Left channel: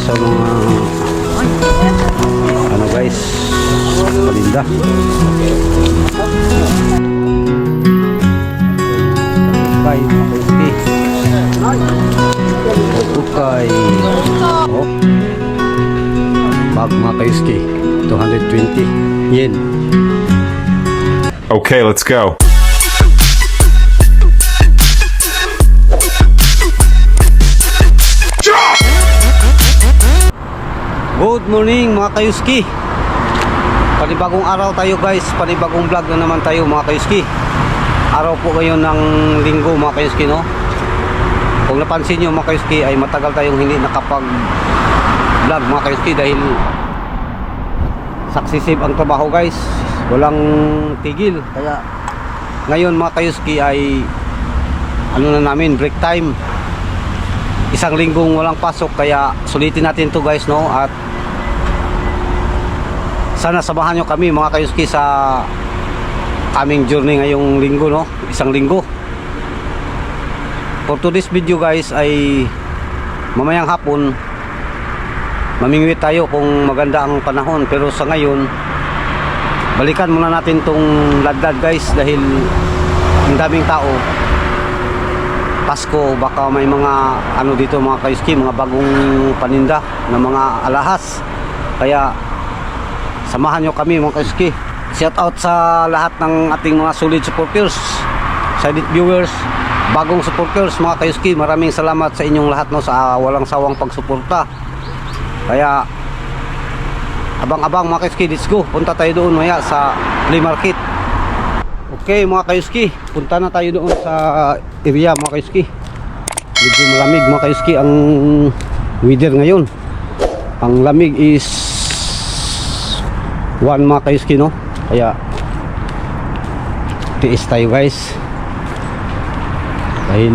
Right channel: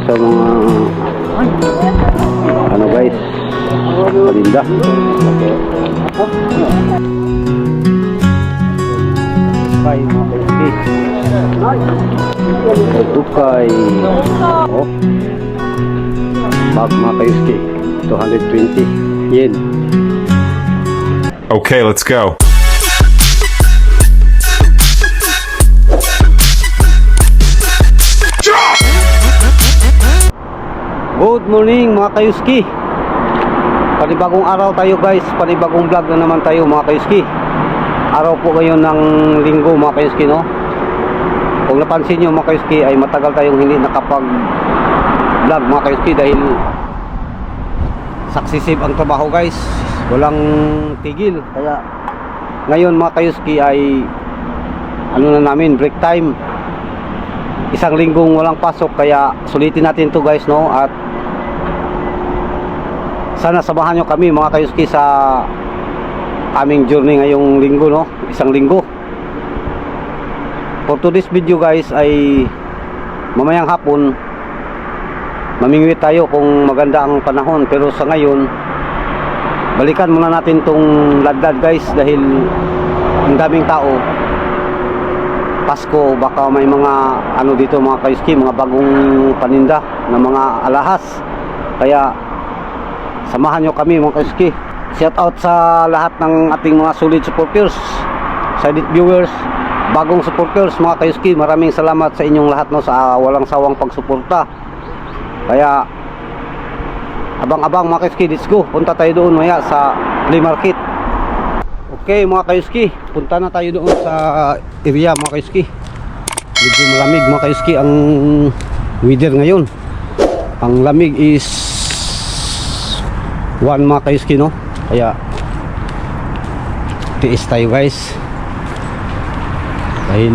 sa mga ano guys, palinda. Tukay. Oh. Bag mga kayuski. 220 yen. Okay, let's go. Good morning mga kayuski. Panibagong araw tayo guys. Panibagong vlog na naman tayo mga kayuski. Araw po ngayon ng linggo mga kayuski, no? Kung napansin nyo mga kayuski ay matagal tayong hindi nakapag vlog mga kayuski dahil successive ang trabaho guys. Walang tigil. Kaya ngayon mga kayuski ay ano na namin, break time. Isang linggong walang pasok, kaya sulitin natin to guys, no? At sana samahan nyo kami mga kayuski sa aming journey ngayong linggo, no? Isang linggo. For today's video guys ay mamayang hapon mamingwit tayo kung maganda ang panahon, pero sa ngayon balikan muna natin tong ladlad guys dahil ang daming tao. Pasko, baka may mga ano dito mga kayuski, mga bagong paninda na mga alahas, kaya samahan nyo kami mga kayuski. Shout out sa lahat ng ating mga solid supporters, silent viewers, bagong supporters mga kayuski. Maraming salamat sa inyong lahat, no, sa walang sawang pagsuporta. Kaya abang-abang mga kayuski, let's go, punta tayo doon maya sa flea market. Okay mga kayuski, punta na tayo doon sa area mga kayuski. Medyo malamig mga kayuski ang weather ngayon. Ang lamig is 1 mga kayuski, no? Kaya tiis tayo guys dahil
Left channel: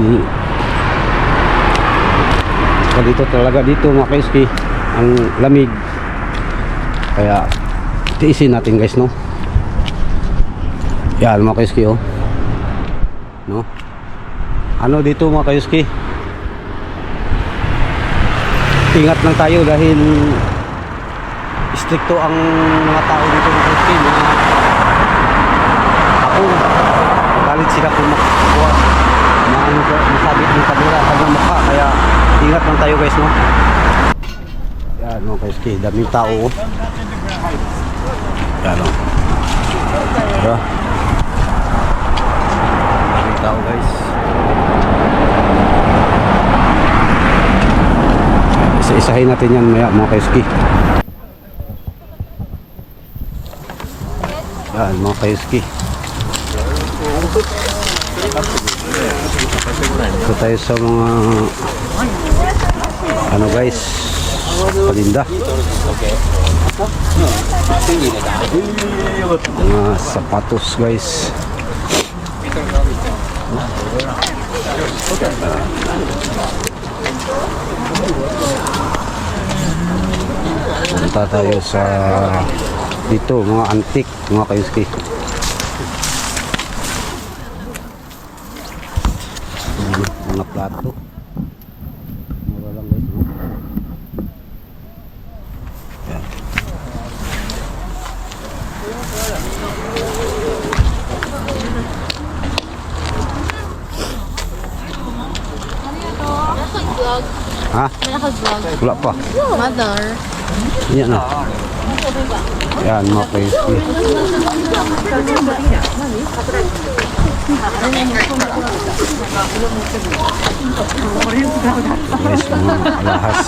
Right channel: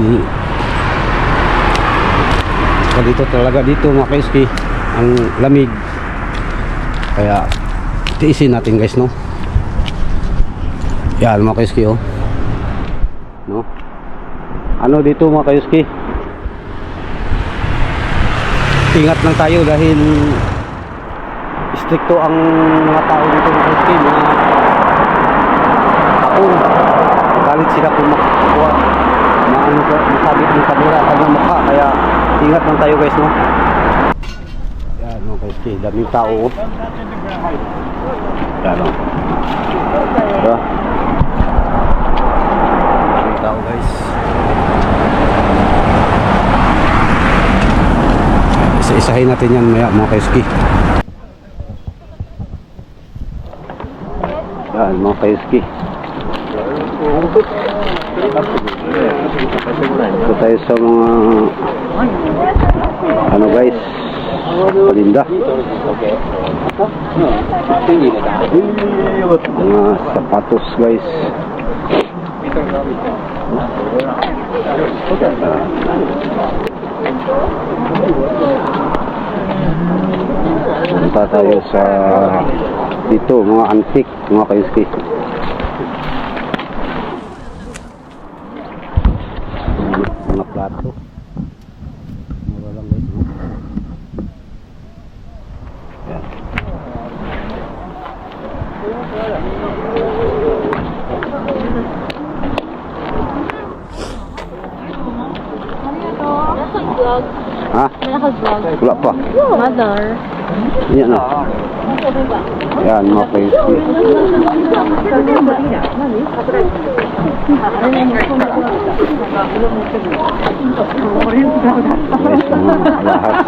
dito talaga dito mga kayuski ang lamig, kaya tiisin natin guys, no? Yan mga kayuski, oh, no? Ano dito mga kayuski, ingat lang tayo dahil stricto ang mga tao dito mga kayuski. Mga ako galit sila kung makakuha maano ko, masabit ng kamera sa mga mukha, kaya ingat lang tayo guys, no? Yan mga kayuski, daming tao, oh. Yan, oh. Diba? Tao guys, isa-isahin natin yan maya mga kayuski. Yan mga kayuski, ito tayo sa mga ano guys, palinda, mga sapatos guys. Punta tayo sa dito mga antik mga kayuski. Mga plato mura lang guys, no? Yan. Ha? Naka-vlog. Wala pa. Mother. Yan na. Yan mga kayuski. Guys, mga alahas.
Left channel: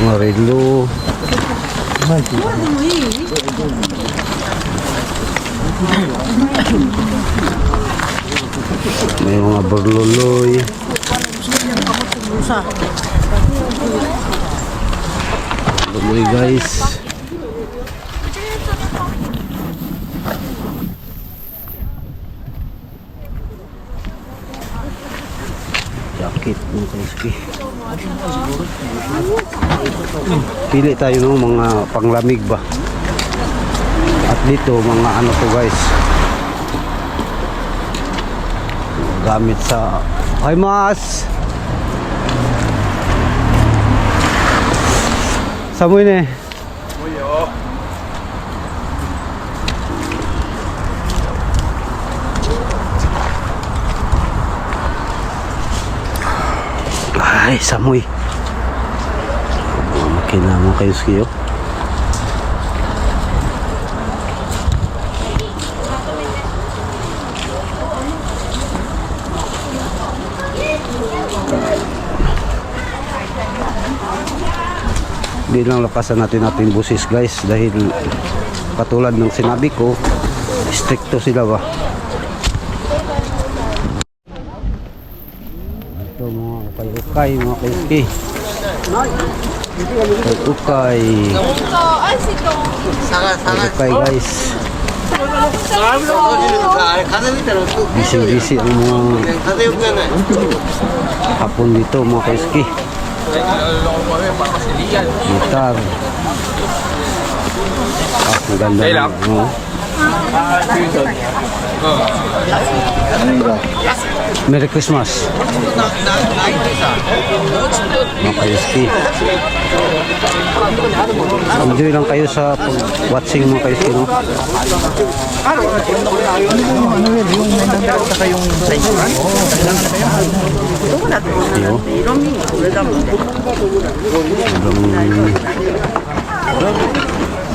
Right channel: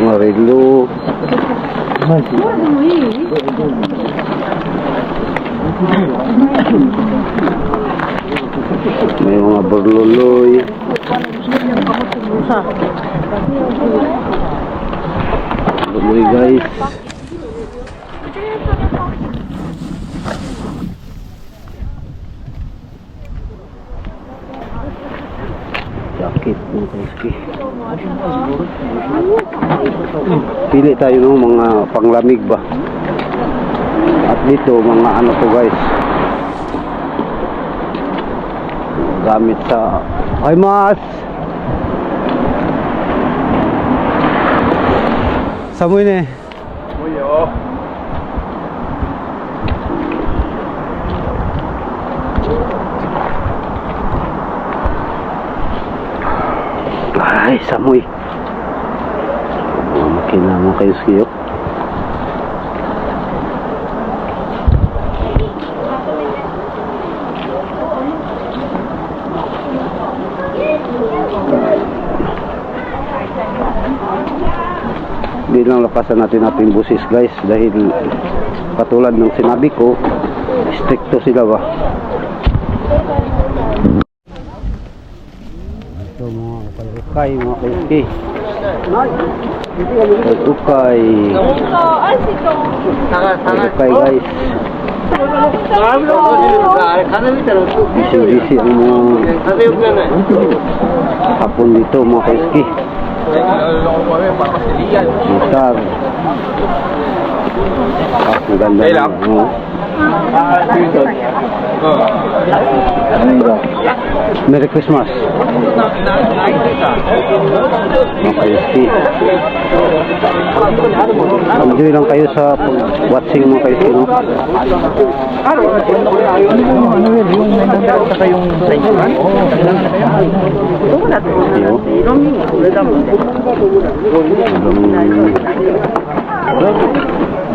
Mga relo. May mga berloloy. Berloloy guys. Jacket mga kayuski. Pili tayo ng mga panglamig ba. At dito mga ano to guys, gamit sa ay mas samoy ne ay samoy makina mo kayo skiyo. Hindi lang lakasan natin ating busis guys dahil katulad ng sinabi ko stricto sila ba. Ito mga ukay-ukay mga kaiski ukay ukay guys busy ang mga hapon dito mga kaiski. Gitar. Ang ganda na. Merry Christmas. Mga kaiski. Enjoy lang kayo sa watching mga kaiski, no? Ano yun? Yung saka yung size.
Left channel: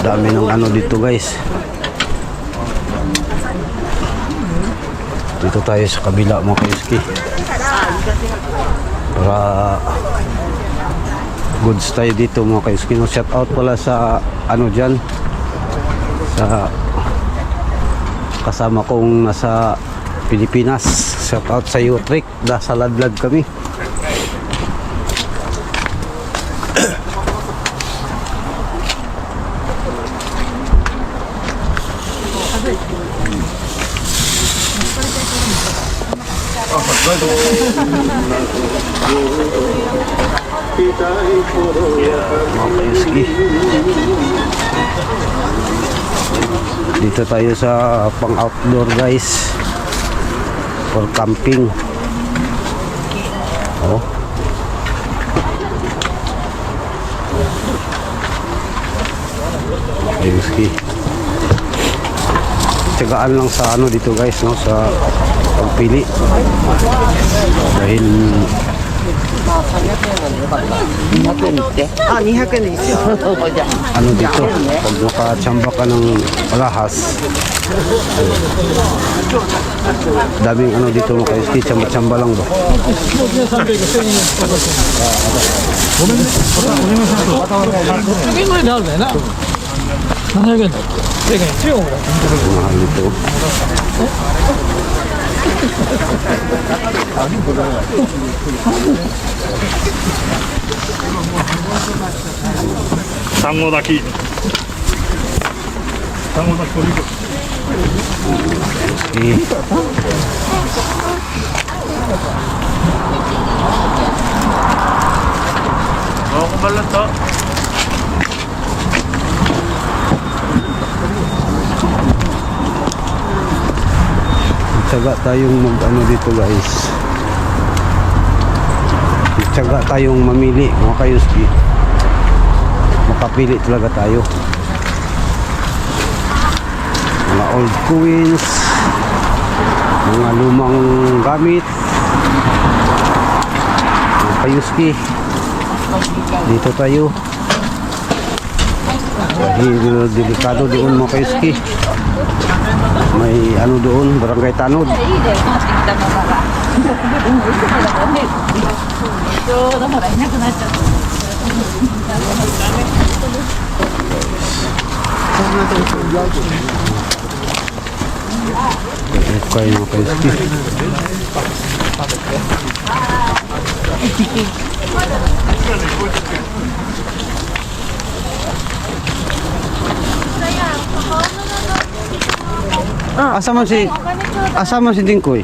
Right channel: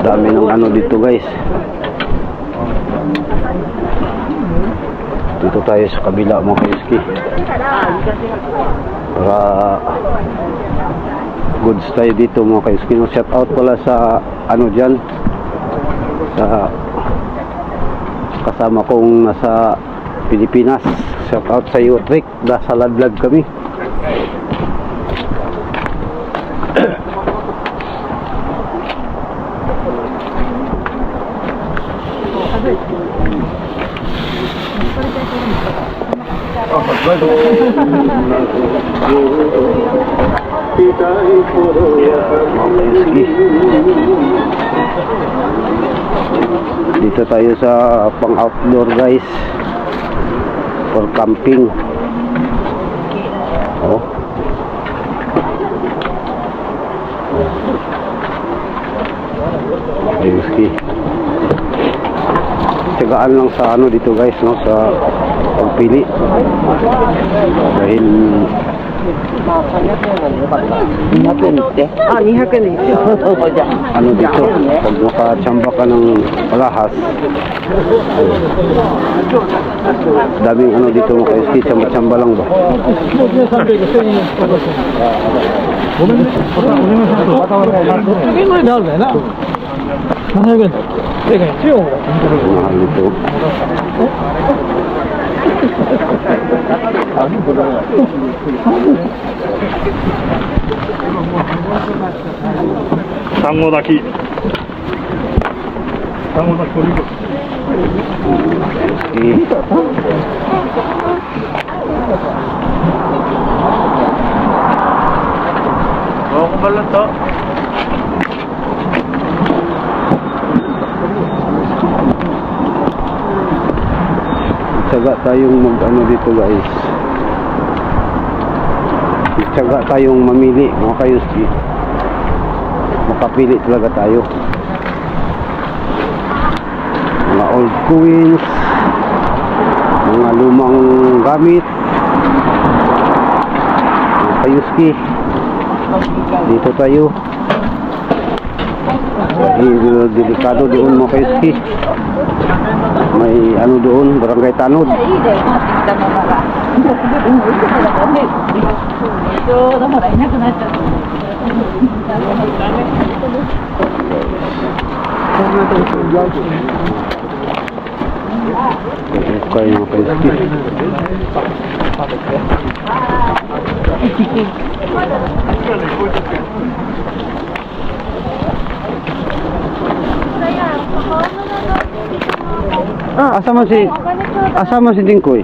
Dami ng ano dito guys. Dito tayo sa kabila mga kaiski para goods tayo dito mga kaiski. No, shout out pala sa ano dyan sa kasama kong nasa Pilipinas. Shout out sa Utrecht, nasa Ladlag kami. Dito tayo sa pang outdoor guys for camping. Oh. Ayuski. Tiyagaan lang sa ano dito guys, no, sa pagpili. Dahil ano dito, pag nakachamba ka ng alahas, daming ano dito mga kaiski, chamba-chamba lang ba? Mahal ito. 상어 낚시. 상어 낚시 버리고. kung balot to. Tsaga tayong mag ano dito guys. Tsaga tayong mamili mga kayuski. Makapili talaga tayo. Mga old coins, mga lumang gamit, mga kayuski. Dito tayo. Dahil delikado doon mga kayuski. May ano doon, barangay Tanod. Okay, mga kaiski. Asa man si Dingkoy?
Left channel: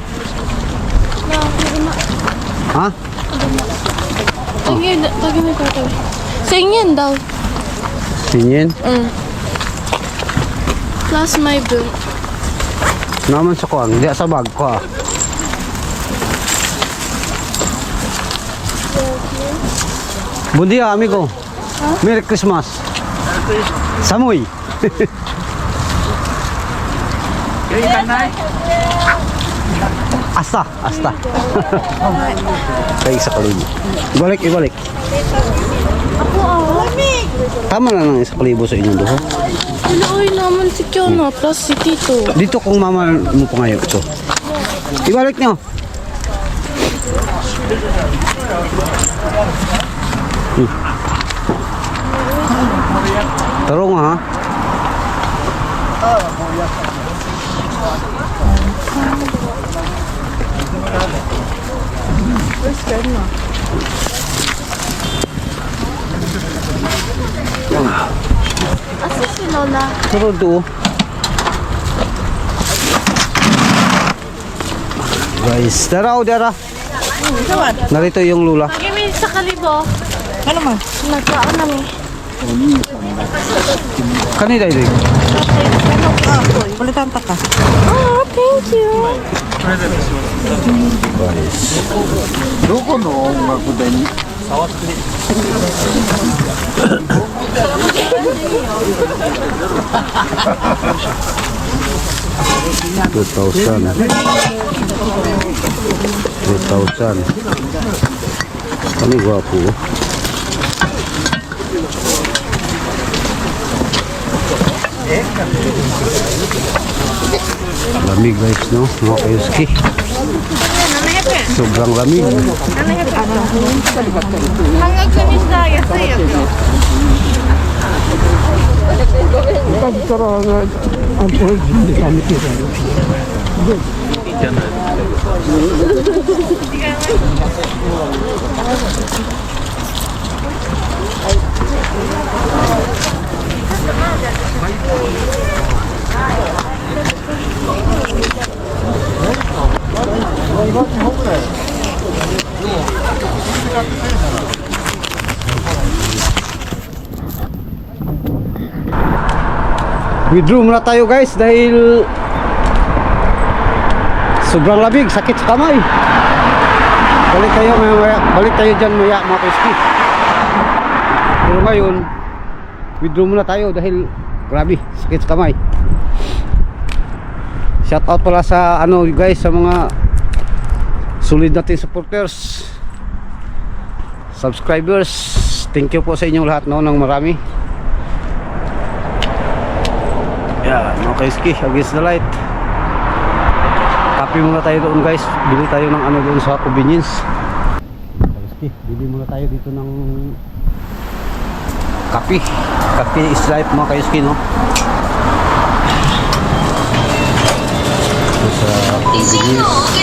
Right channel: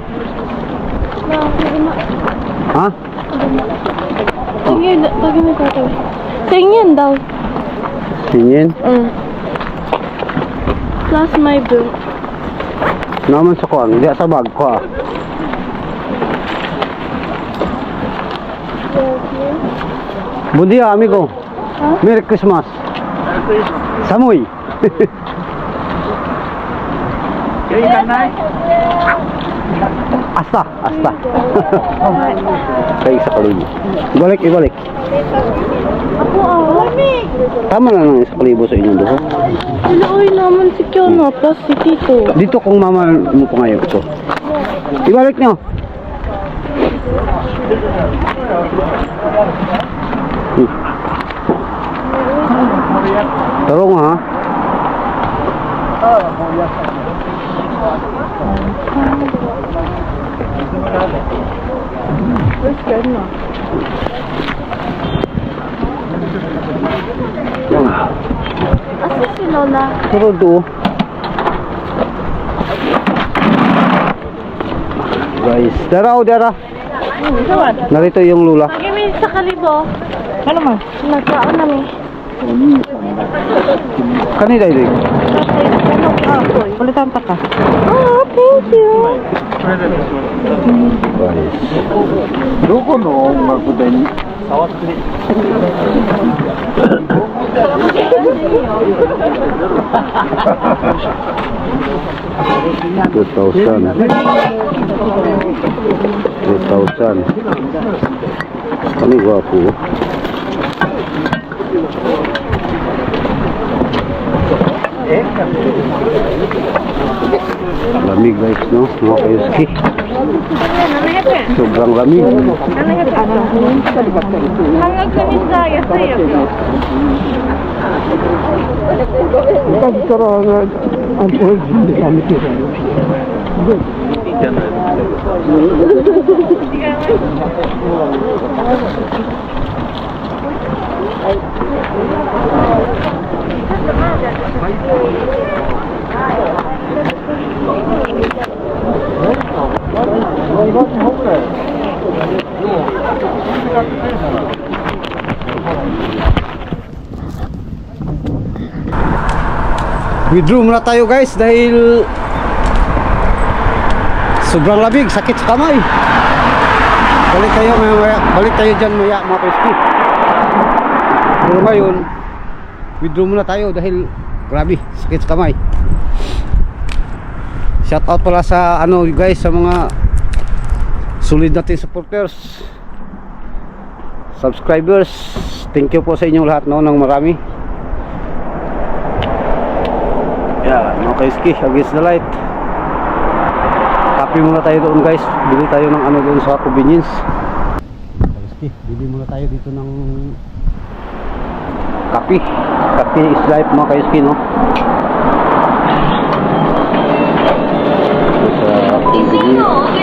Ha? Tagi mo ko to. Singin daw. Singin? Plus my bill. Naman sa kuan, di sa bag ko. Buen día, amigo. Merry Christmas. Samoy. Asta. Kaya isa kalibo. Ibalik. Tama na ng isa kalibo sa inyong duho. Iloy naman si Kiona plus si Tito. Dito kung mama mo pa ngayon ito. Ibalik nyo. Tarong ha. Asa si Lola? Tarong to. Guys, dara. Narito yung lula. Pag-ibig sa kalibo. Ano man? Nagkaon namin. Kanina ito. Palitan ta ka. Oh, thank you. Guys. $2,000. Kami gwapo. Lamig guys, no? Mga kayuski. Sobrang lamig. Hanggang kami sa sa'yo. Withdraw muna tayo guys dahil sobrang lamig, sakit sa kamay. Balik tayo dyan maya mga kaiski. Pero ngayon withdraw muna tayo dahil grabe, sakit sa kamay. Shout out pala sa ano guys, sa mga solid nating supporters, subscribers. Thank you po sa inyong lahat, no, ng marami. Yeah, mga kaiski, against the light. Kape muna tayo doon guys. Bili tayo ng ano doon sa convenience. Kaiski, bili muna tayo dito ng kape. Kape is life mga kaiski, no? Sa convenience.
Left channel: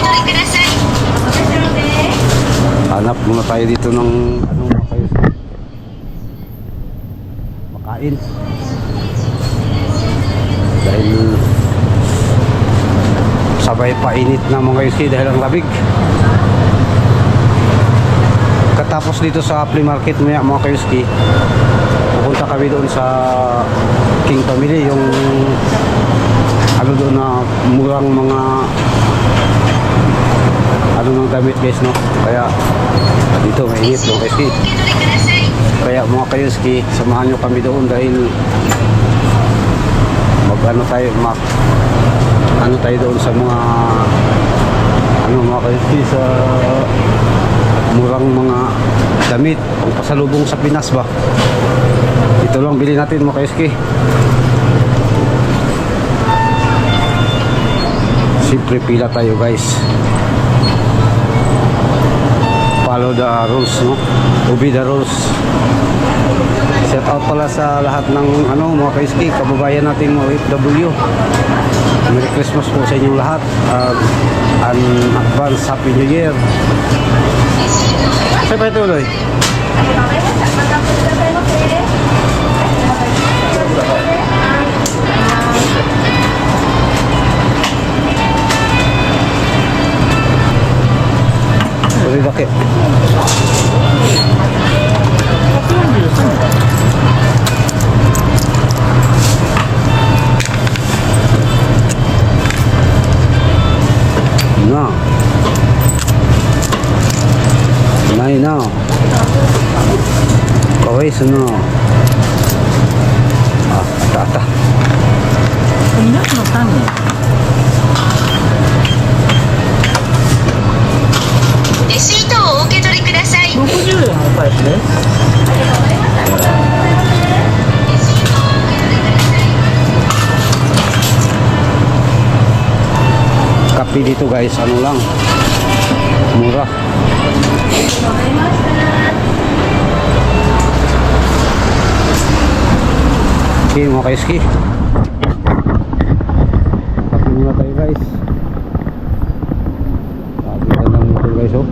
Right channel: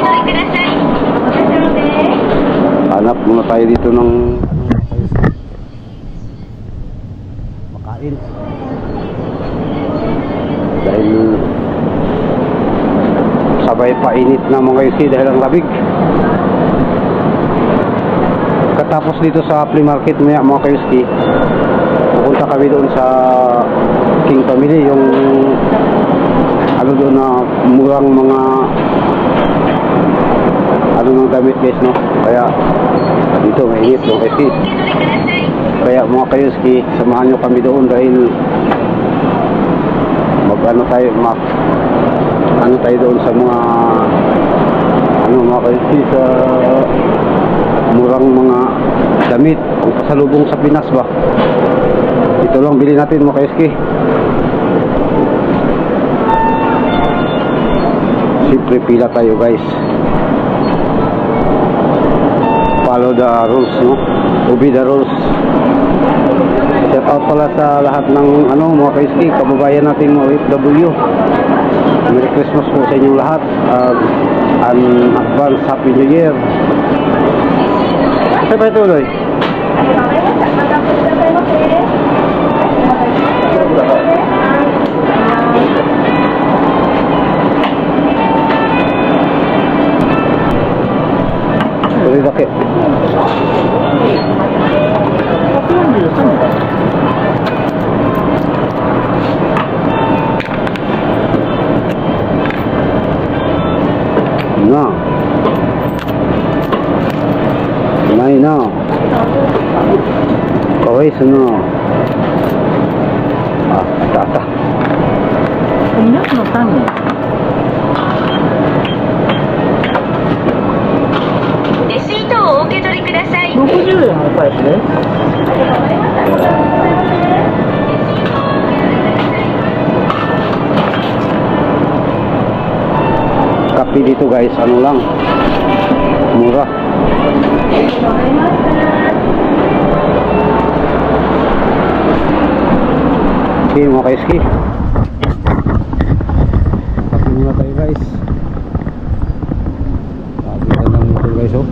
Hanap muna tayo dito ng makain. Dahil sabay painit na mga kaiski dahil ang labig. Katapos dito sa flea market maya mga kaiski, pupunta kami doon sa King Family, yung ano doon na murang mga ano ng damit guys, no? Kaya dito mainit mga kaiski. Kaya mga kaiski, samahan nyo kami doon dahil ano tayo doon sa mga mga kaiski, sa murang mga damit ang pasalubong sa Pinas ba. Ito lang bili natin mga kaiski. Siyempre pila tayo guys. Follow the rules, no? Obey the rules. Shout out pala sa lahat ng mga kaiski, kababayan nating mga OFW. Merry Christmas po sa inyong lahat. An advance Happy New Year. Saan pa ituloy? Sorry dake. No. Nay no. guys, ano? Ata. 200の単位レシートをお受け取りください。 60円のタイプです Kape dito guys, ano lang, mura. Okay mga kaiski, kape muna tayo guys. Kapitan lang motor guys, oh.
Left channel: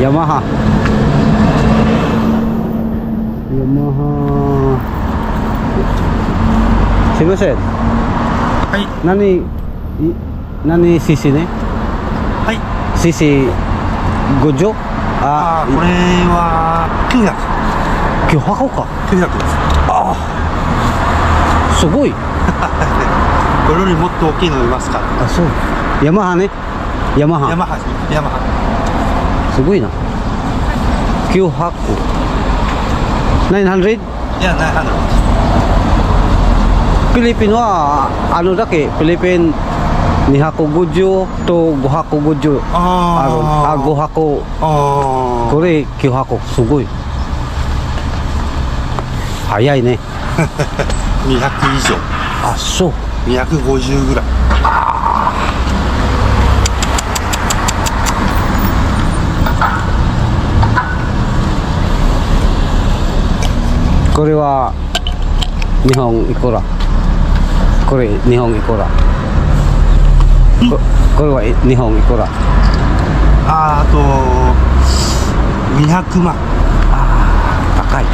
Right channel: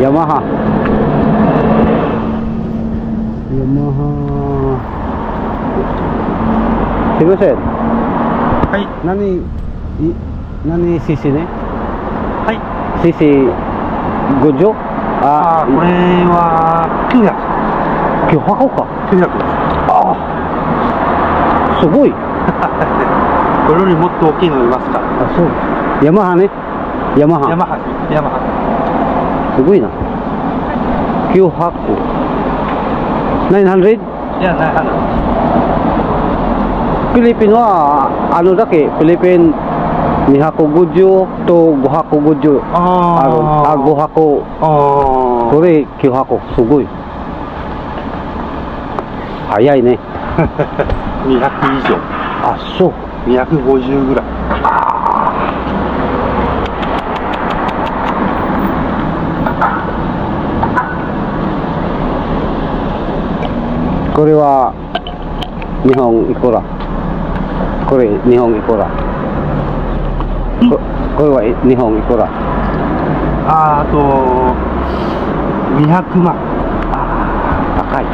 Yamaha Simasen. はい 何 cc ねはい cc 50? あーこれは今日箱か900ですすごいこれよりもっと大きいのいますからあそうヤマハねヤマハヤマハすごいな9箱900いや900 Pilipino ano dake Pilipin ni hako gudyo to gohako gudyo gohako あこれ9箱すごい早いね200以上あそう250ぐらいこれは日本いくらこれ日本いくらこれは日本いくらあと200万高い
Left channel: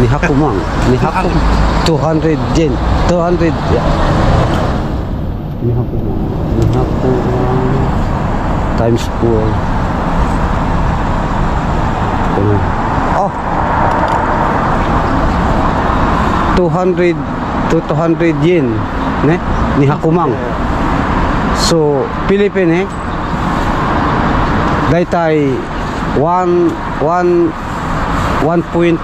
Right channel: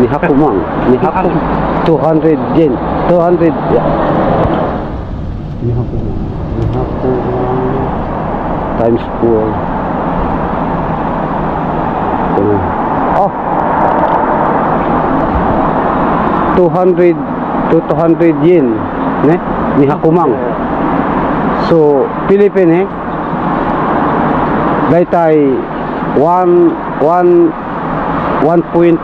200万200 200 yen 200 ya 200万times 4 oh 200 yen ね200万 so Philippine だいたい1 point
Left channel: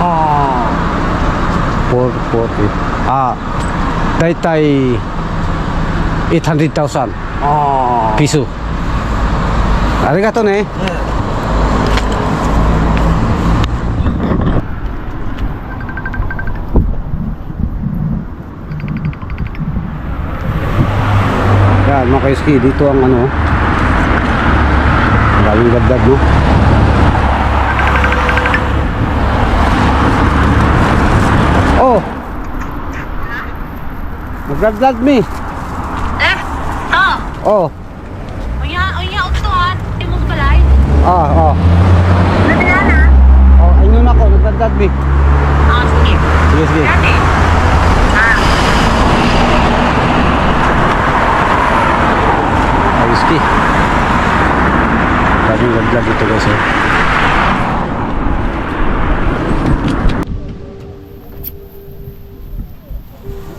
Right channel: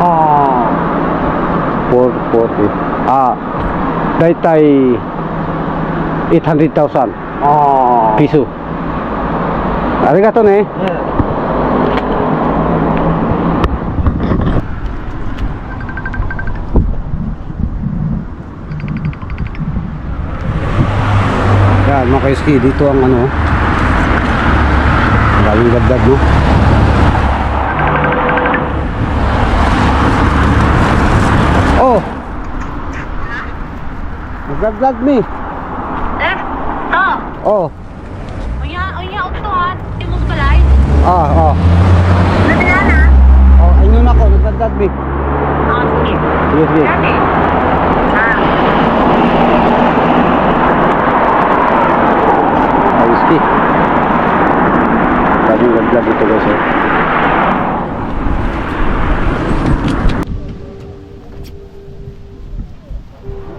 440だいたい800,000ピースありがとうねyan mga kaiski dito ang ano maraming gagdag no oh nagdagdag mi oh Unya, uktuhan. Timog balay. oh Nadala na? oh ayun ako nagdagdag mi Sige. sige Dati. kaiski maraming gagdag dito guys oh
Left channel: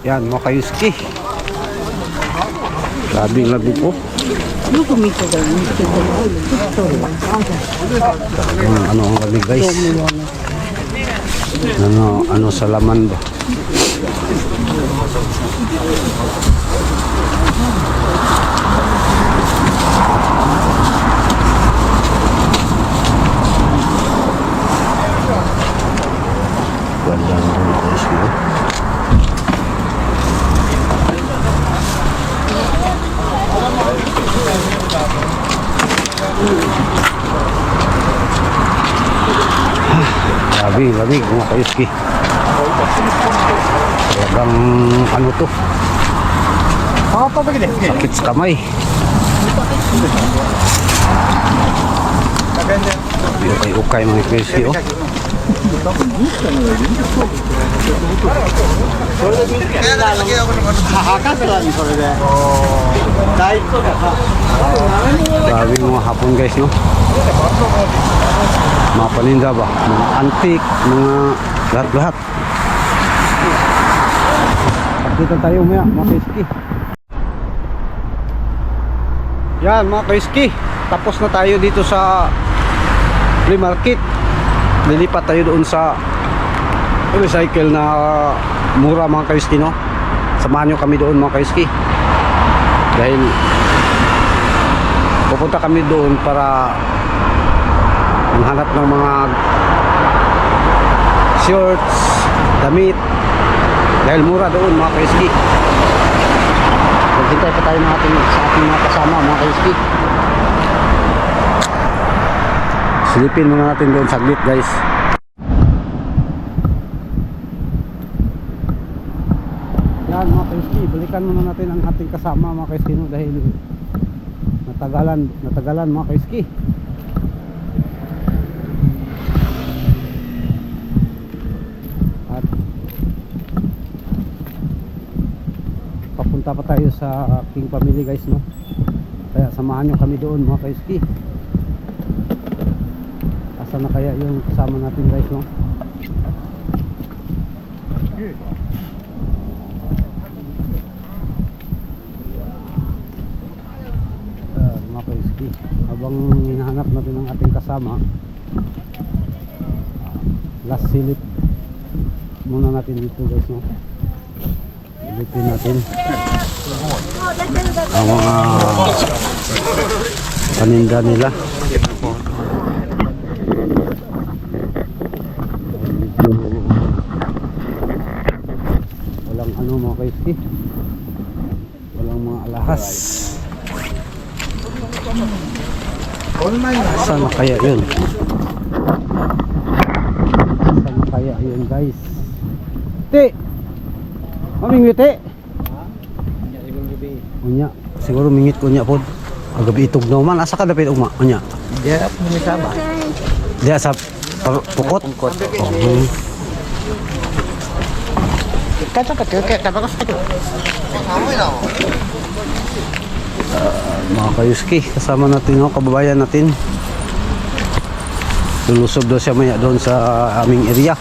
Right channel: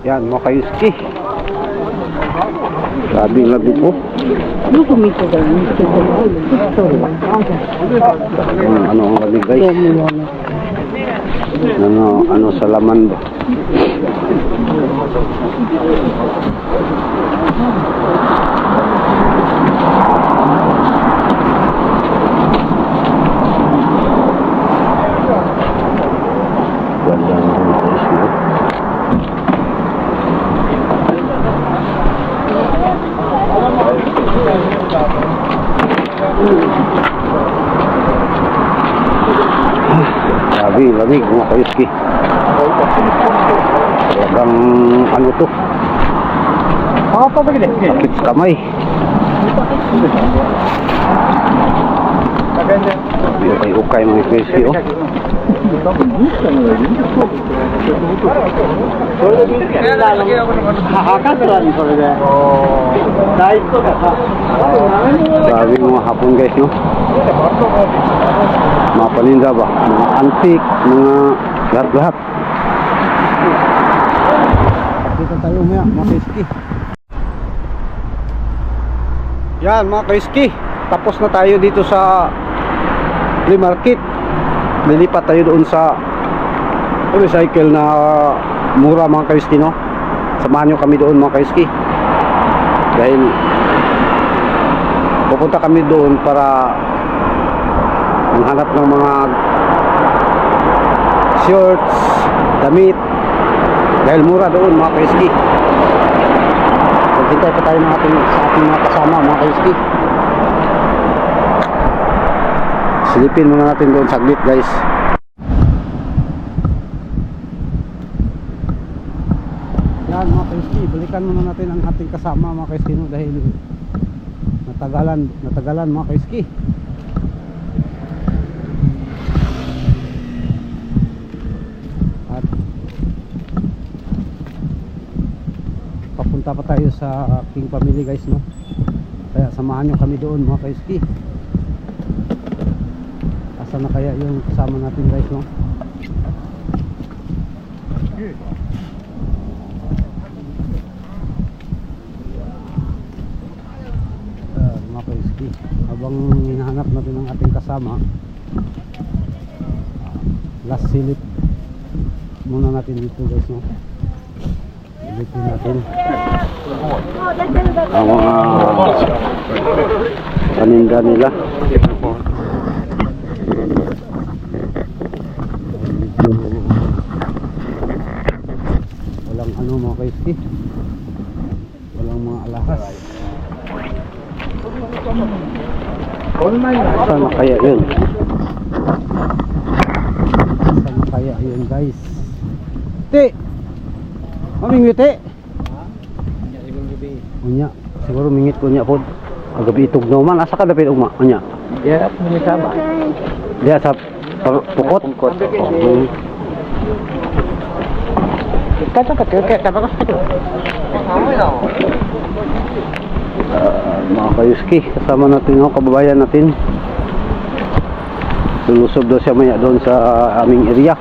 yan mga kaiski labi po ano ang labi guys ano sa laman ba ganda naman guys no lamig mga kaiski talagang ano to sakit sa kamay ukay mga kaiski oh grabe mga hapon guys no mga paninda ba mga antik mga lahat dito tayo mga kaiski yan mga kaiski tapos na tayo dito sa flea market. Lilipat tayo doon sa recycle na mura mga kaiski, no? Samahan nyo kami doon mga kaiski. Dahil pupunta kami doon para maghanap ng mga shorts, damit. Dahil mura doon mga kaiski. Maghintay pa tayo sa ating mga kasama mga kaiski. Silipin muna natin doon saglit guys. Yan mga kaiski, balikan muna natin ang ating kasama mga kaiski, no? Dahil natagalan mga kaiski. At papunta pa tayo sa aking family guys, no? Kaya samahan nyo kami doon mga kaiski. Asa na kaya yung kasama natin guys, no? Mga kaiski, habang hinahanap natin ang ating kasama, last silip muna natin dito guys, no? Silipin natin ang mga paninda nila. Walang ano mga kaiski, walang mga alahas. Saan na kaya yun? Saan na kaya yun guys? Te! Mamingwit te! Unya, siguro mingit ko niya po. Agabi itog naman, asa ka dapit ugma? Unya? Dia punya sama. Diya sa pukot? Oh. Kata bagus itu. Mga kayuski, kasama natin o kababayan natin. Lulusob daw siya maya doon sa aming area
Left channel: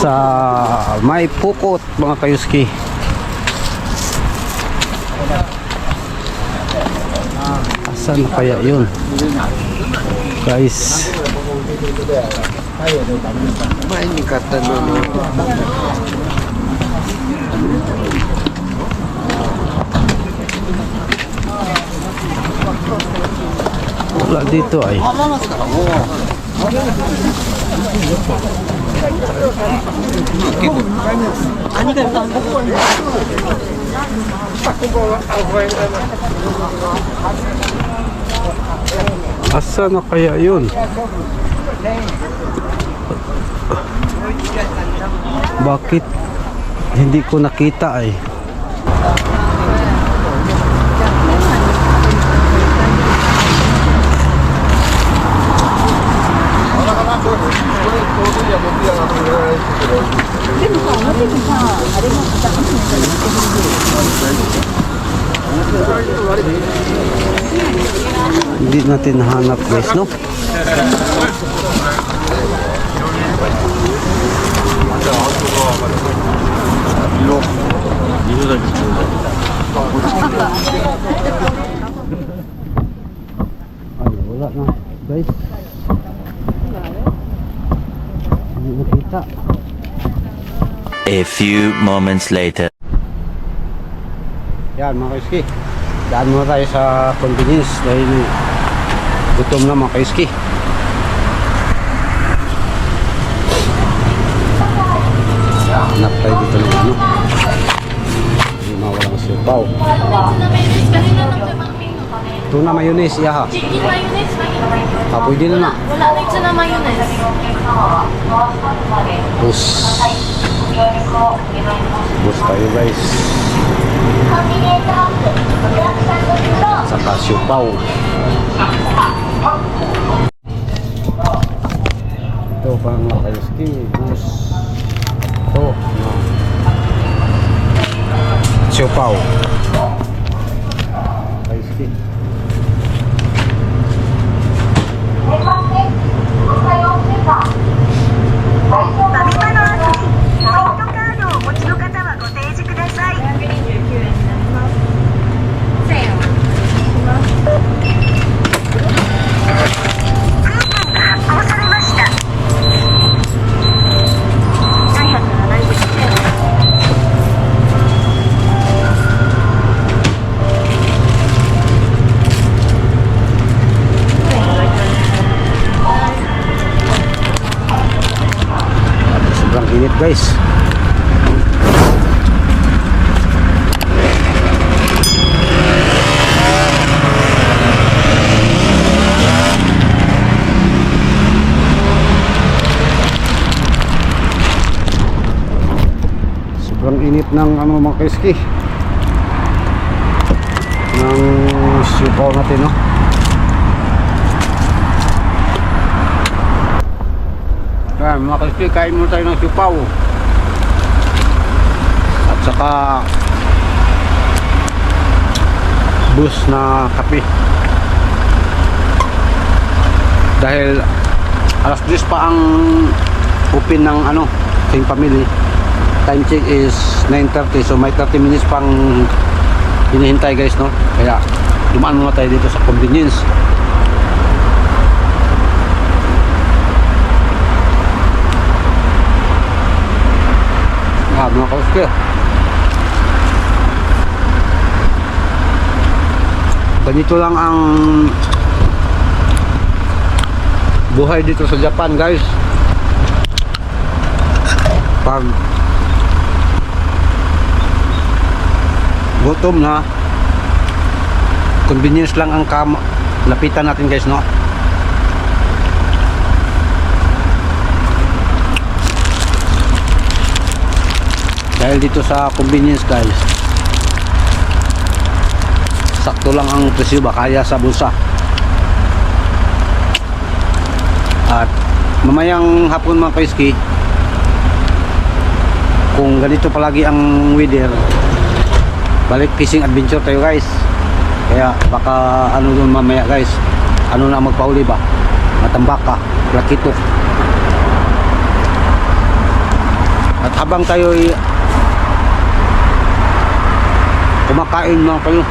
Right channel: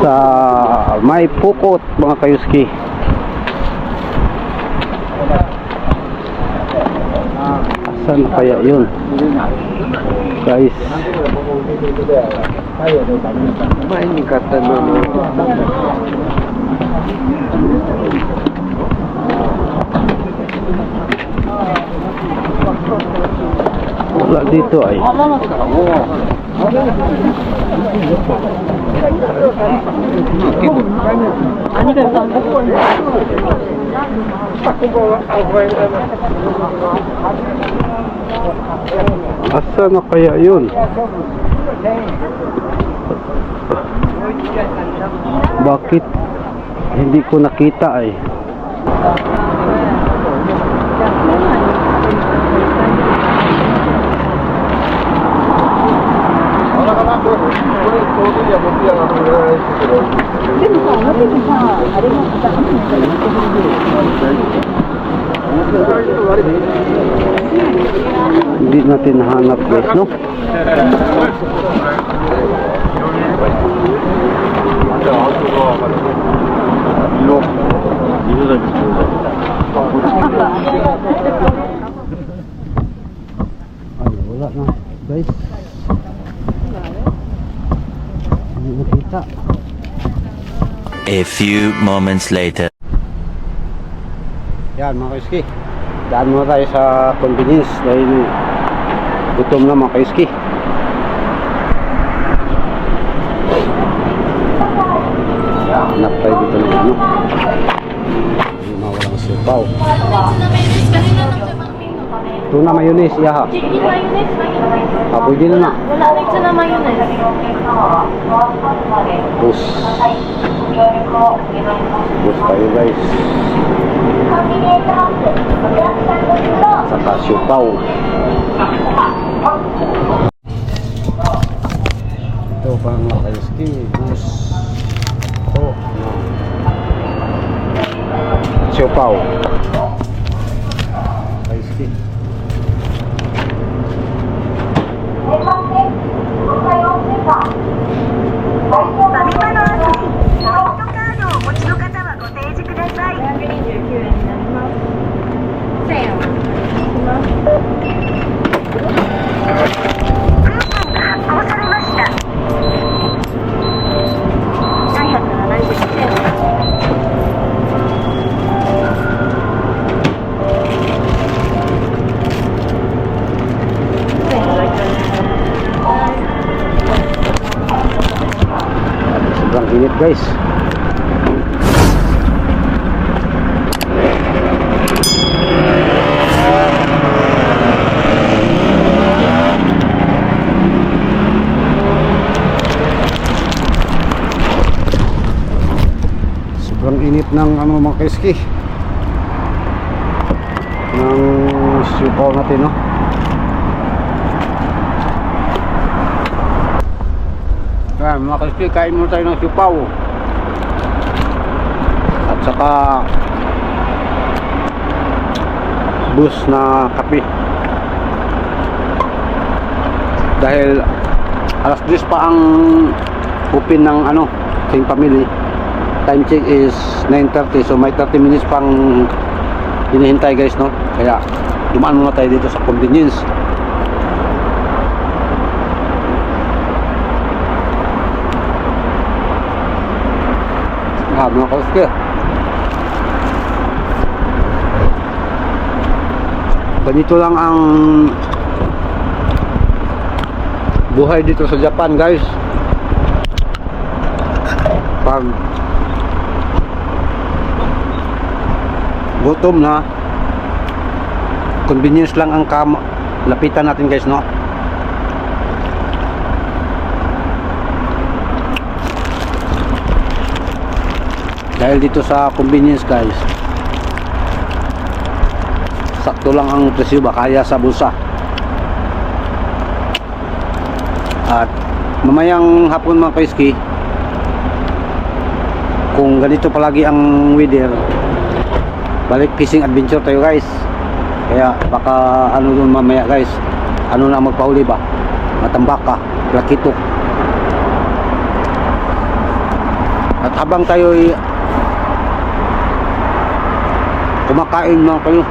sa may pukot mga kayuski. Asan kaya yun guys? Ini kata dulu. Wala dito ay. Asa na kaya yun? Bakit hindi ko nakita ay? Hindi natin nahanap guys, no? Ay, wala na guys. Hindi nakita. A few moments later. Yan mga kaiski, daan muna tayo sa convenience dahil gutom na mga kaiski. Hanap tayo dito ng ano, hindi mawalang sipaw. Tuna mayonnaise, iya ha. Chicken mayonnaise, Ah, pwede na na. wala na ito na mayonnaise. Bus. Bus tayo guys. Saka sipaw. Ito pang mga kaiski, bus. Ito, no. Sipaw. Kaiski. guys. Sobrang init ng ano mga kaiski, ng siupaw natin, no? Yan mga kaiski, kain muna tayo ng siupaw at saka bus na kape dahil alas 10 pa ang open ng ano, King Family. Time check is 9:30, so may 30 minutes pang hinihintay guys, no? Kaya dumaan muna tayo dito sa convenience. Mga kauske, ganito lang ang buhay dito sa Japan guys. Pag gutom na, convenience lang ang lapitan natin guys, no? Dahil dito sa convenience guys, sakto lang ang presyo, ba kaya sa bulsa. At mamayang hapon mga kaiski, kung ganito palagi ang weather, balik fishing adventure tayo guys. Kaya baka ano doon mamaya guys, ano na magpahuli ba, matambaka, lakitok. At habang tayo kumakain mga kayo,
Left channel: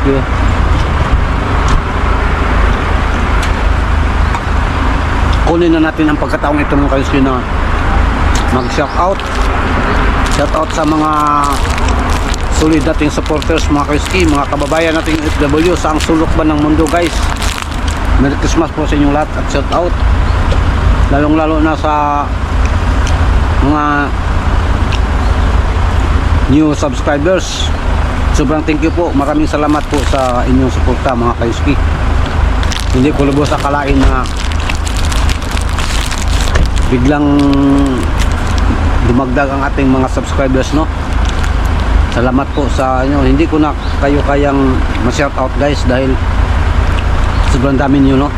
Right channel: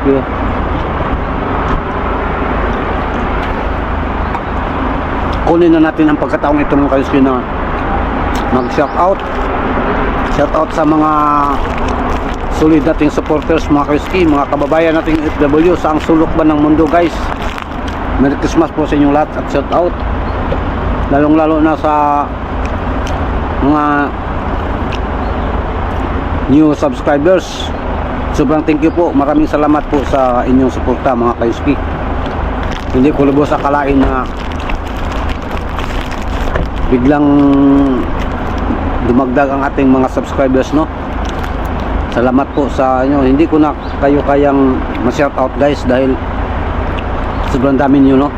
kunin na natin ang pagkataong ito mga kayo na mag shout out sa mga solid nating supporters mga kaiski, mga kababayan nating FW sa ang sulok ba ng mundo guys. Merry Christmas po sa inyong lahat at shout out lalong lalo na sa mga new subscribers. Sobrang thank you po, maraming salamat po sa inyong suporta mga kaiski. Hindi ko lubos akalain na biglang dumagdag ang ating mga subscribers, no? Salamat po sa inyo. Hindi ko na kayo kayang ma-shout out guys dahil sobrang dami niyo, no?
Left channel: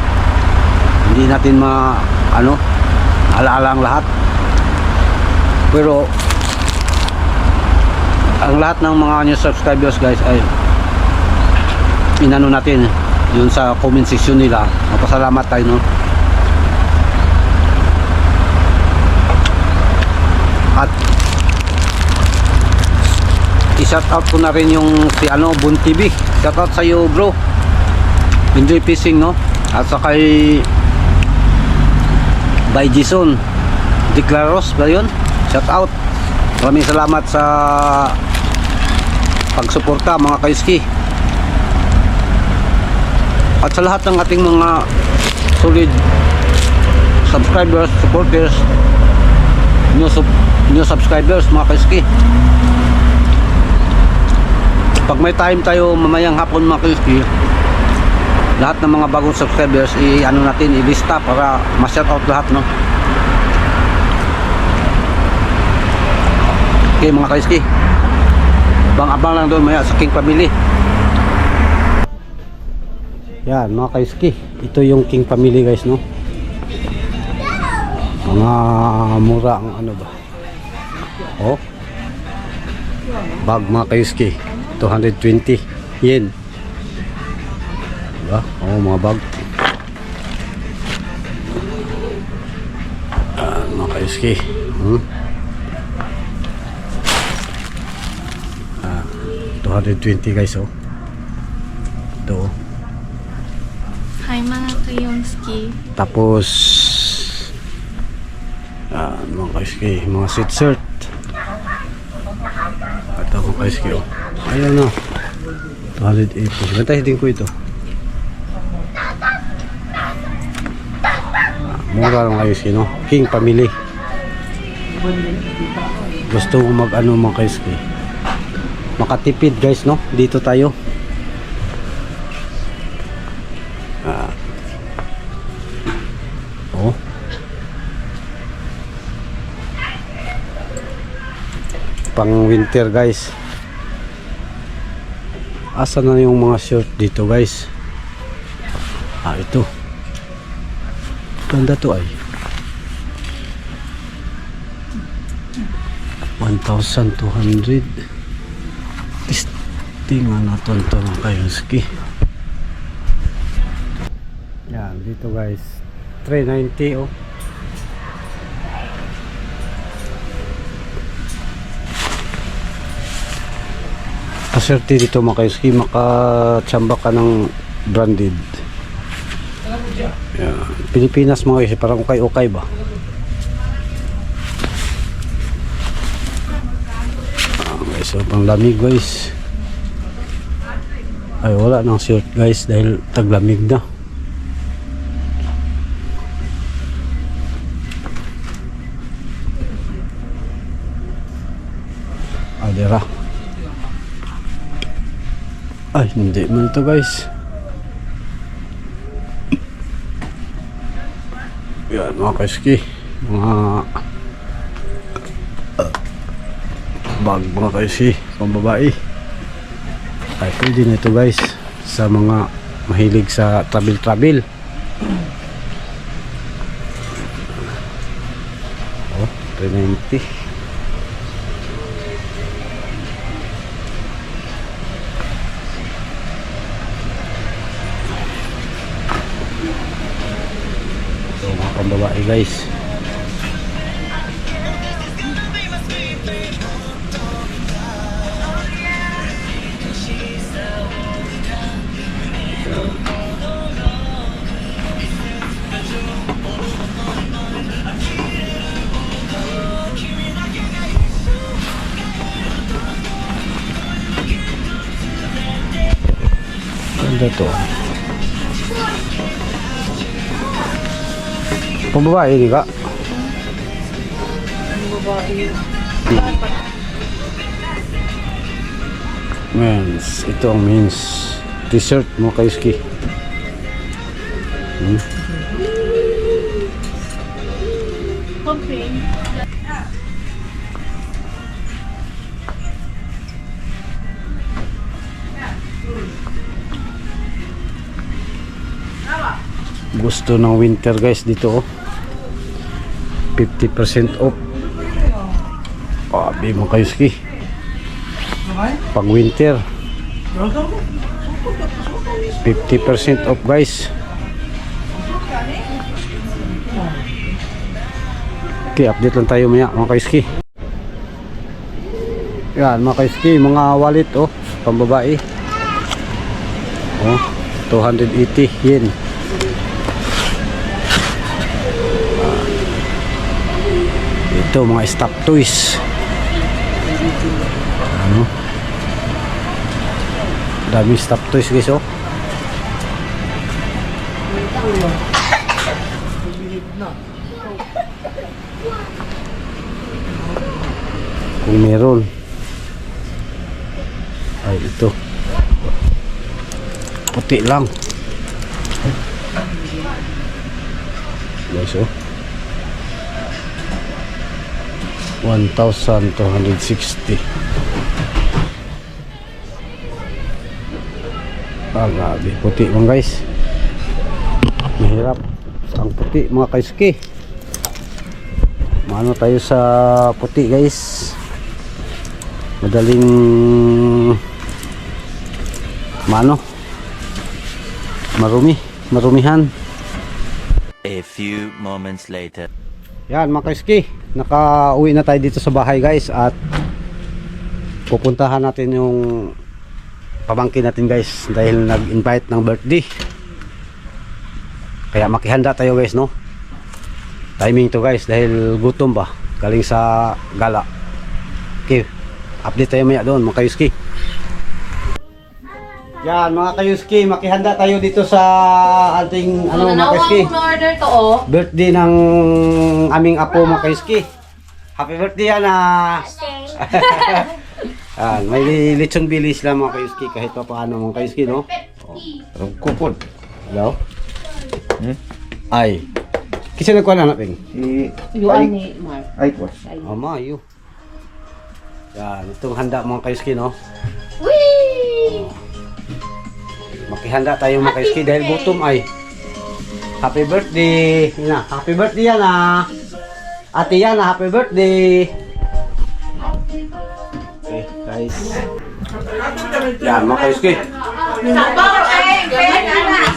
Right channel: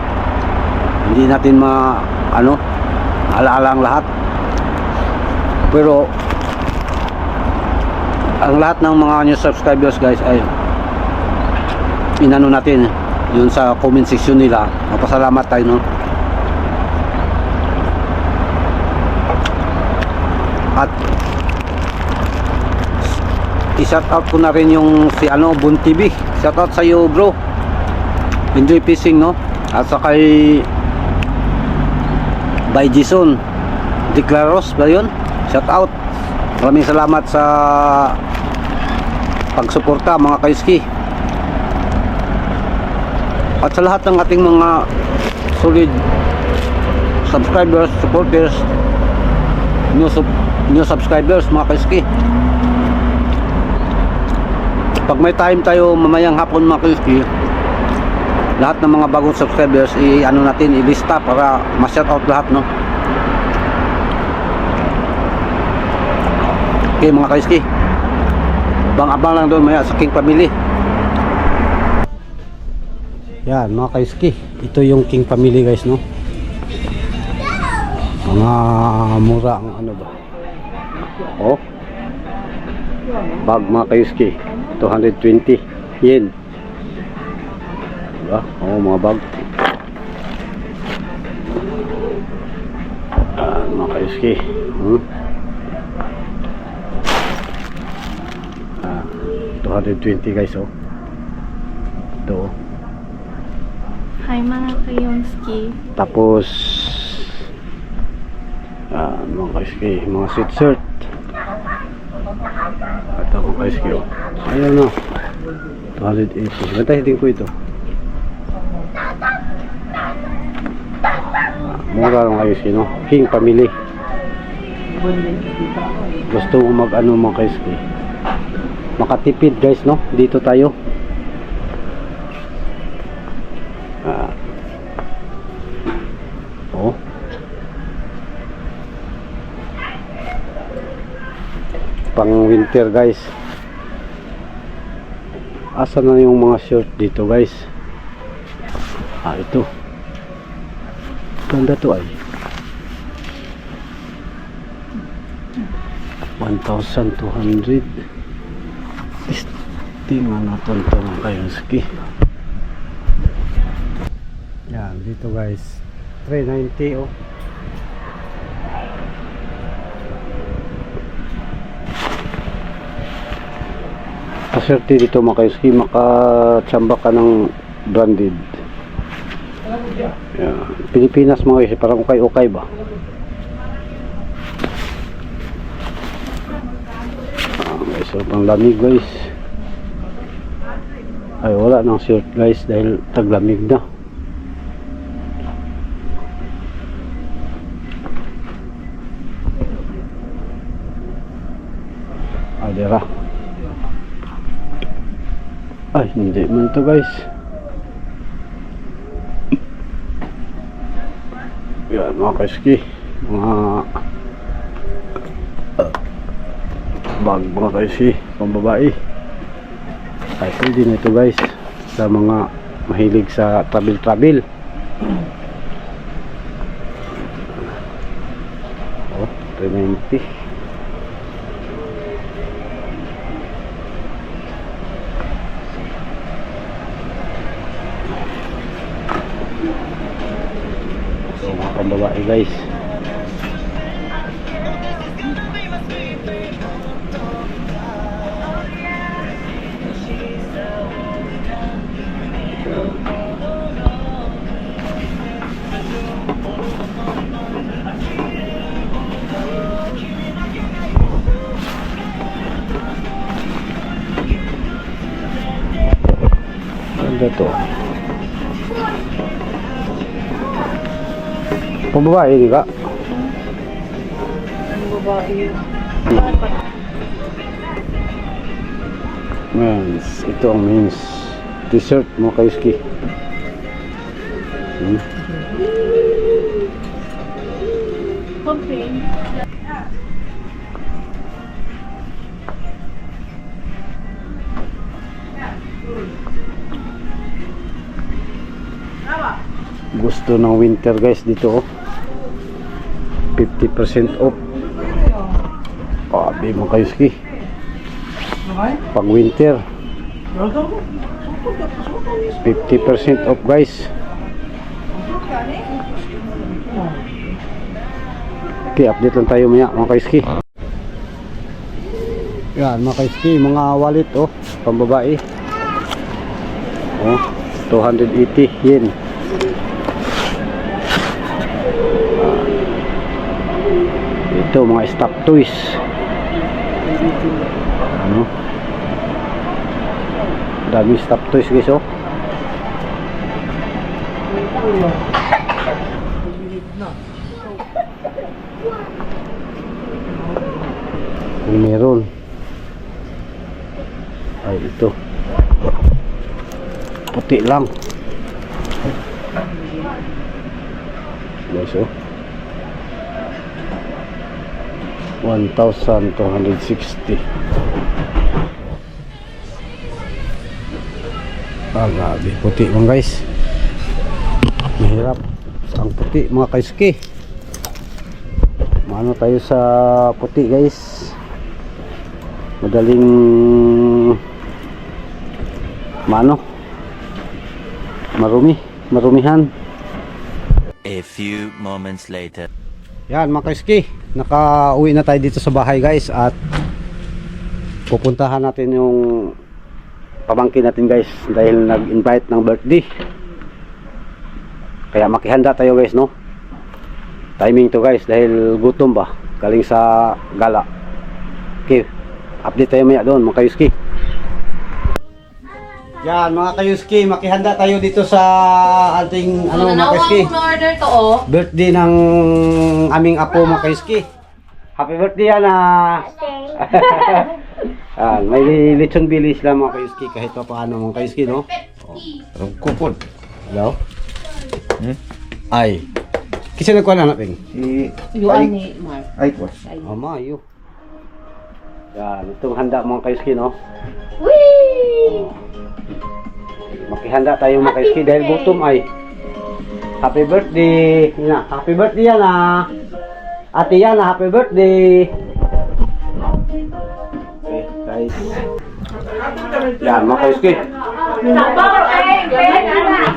Hindi natin alaala ang lahat. Pero ang lahat ng mga new subscribers guys ay inano natin yun sa comment section nila. Mapasalamat tayo, no? At i-shout out ko na rin yung si Bon TV. Shout out sa iyo bro, enjoy fishing, no? At sa kay by Jason Declaros ba yun? Shout out, maraming salamat sa pagsuporta mga kaiski. At sa lahat ng ating mga solid subscribers, supporters, new subscribers mga kaiski, pag may time tayo mamayang hapon mga kaiski, lahat ng mga bagong subscribers i-ano natin, i-lista para ma-shout out lahat, no? Okay mga kaiski, abang-abang lang doon maya sa King Family. Yan mga kaiski, ito yung King Family guys, no? Mga mura ang ano ba, oh, bag mga kaiski, 220 yen, diba? Oh, mga bag, mga kaiski, 220 guys, oh. Ito, oh. Hi mga kayonski. Tapos mga kaiski, mga sweatshirt. Ito mga kaiski, oh. Ayan na, 280. Bantahin din ko ito. Mura lang kaiski, no? King Family. gusto mo mag ano mga kaiski, makatipid guys, no? Dito tayo. Oh. Pang winter guys. Asa na yung mga short dito guys? Ito. Ganda to ay. 1,200. Tingnan natin ito mga kaiski. Yan, dito guys. 390 oh. Kaserte dito mga kaiski, makatsamba ka ng branded. Yan. Pilipinas mga kaiski, parang ukay-ukay ba? So pang lamig guys, ay wala nang shirt guys dahil taglamig na. Adera, ay hindi man ito guys. Yan mga kaiski, mga bag mga kaiski pang babae. Ay pwede na ito guys sa mga mahilig sa travel. Oh, 390. So mga pang babae guys. To pambabae ini kak. Mens, ito ang mens t-shirt mga kaiski. Gusto ng winter guys dito oh. 50% off. Abi mo kayo ski. Pang winter 50% off guys. Okay, update lang tayo maya mga kaiski. Yan mga kaiski, mga wallet oh, pambabae. Oh, 280 yen. Ito mga stop toys. Ano? Dami stop toys guys oh. Kung meron. Ay ito. Puti lang. Guys oh. 1,260. Grabe, puti mga guys. Mahirap ang puti mga kaiski. Maano tayo sa puti guys. Madaling marumihan. A few moments later. Yan mga kaiski, naka-uwi na tayo dito sa bahay guys at pupuntahan natin yung pamangkin natin guys dahil nag-invite ng birthday. Kaya makihanda tayo guys no. Timing to guys dahil gutom ba galing sa gala. Okay, update tayo maya doon mga kaiski. Yan mga kayuski, makihanda tayo dito sa ating mga kayuski. Order to oh. Birthday ng aming apo mga kayuski. Happy birthday Yana. May lechon bilis lang mga kayuski kahit pa paano mga kayuski, no? Ang kupon. Hello? Ay. Kasi nagkuhan na ping. Si... Yuan ni Mark. Ay po. Ama, yu. Yan, itong handa mga kayuski, no? Whee! Makihanda tayo mga kayuski dahil gutom ay. Happy birthday. Ina, happy birthday Yana. Ate Yana, happy birthday. Okay, guys. Yan mga kayuski.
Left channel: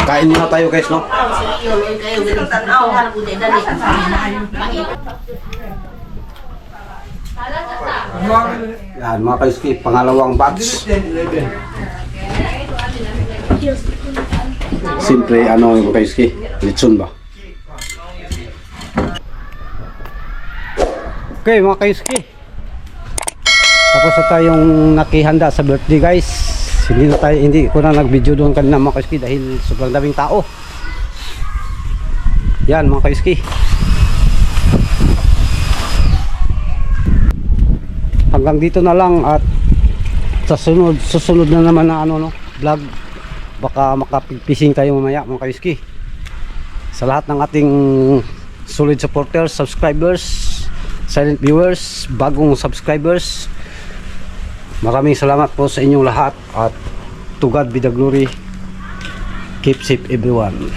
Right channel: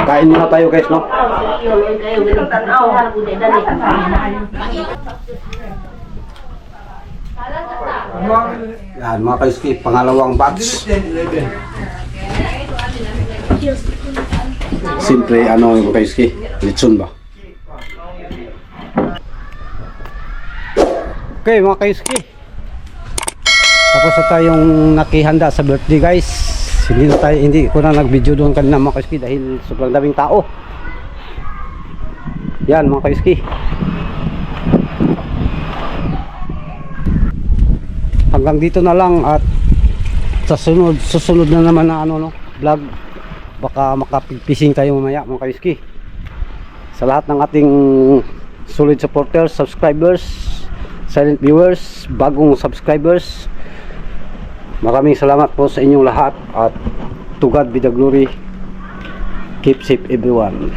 Kain muna tayo guys, no? Yan mga kayuski, pangalawang batch. Siyempre, ano yung kayuski? Lechon ba? Okay mga kayuski. Tapos na tayong nakihanda sa birthday guys. Hindi ko na nag-video doon kanina mga kayuski dahil sobrang daming tao. Yan mga kayuski. Hanggang dito na lang at sa susunod na naman na ano no, vlog. Baka makapigpising tayo mamaya mga kayuski. Sa lahat ng ating solid supporters, subscribers, silent viewers, bagong subscribers, maraming salamat po sa inyong lahat at to God be the glory. Keep safe everyone.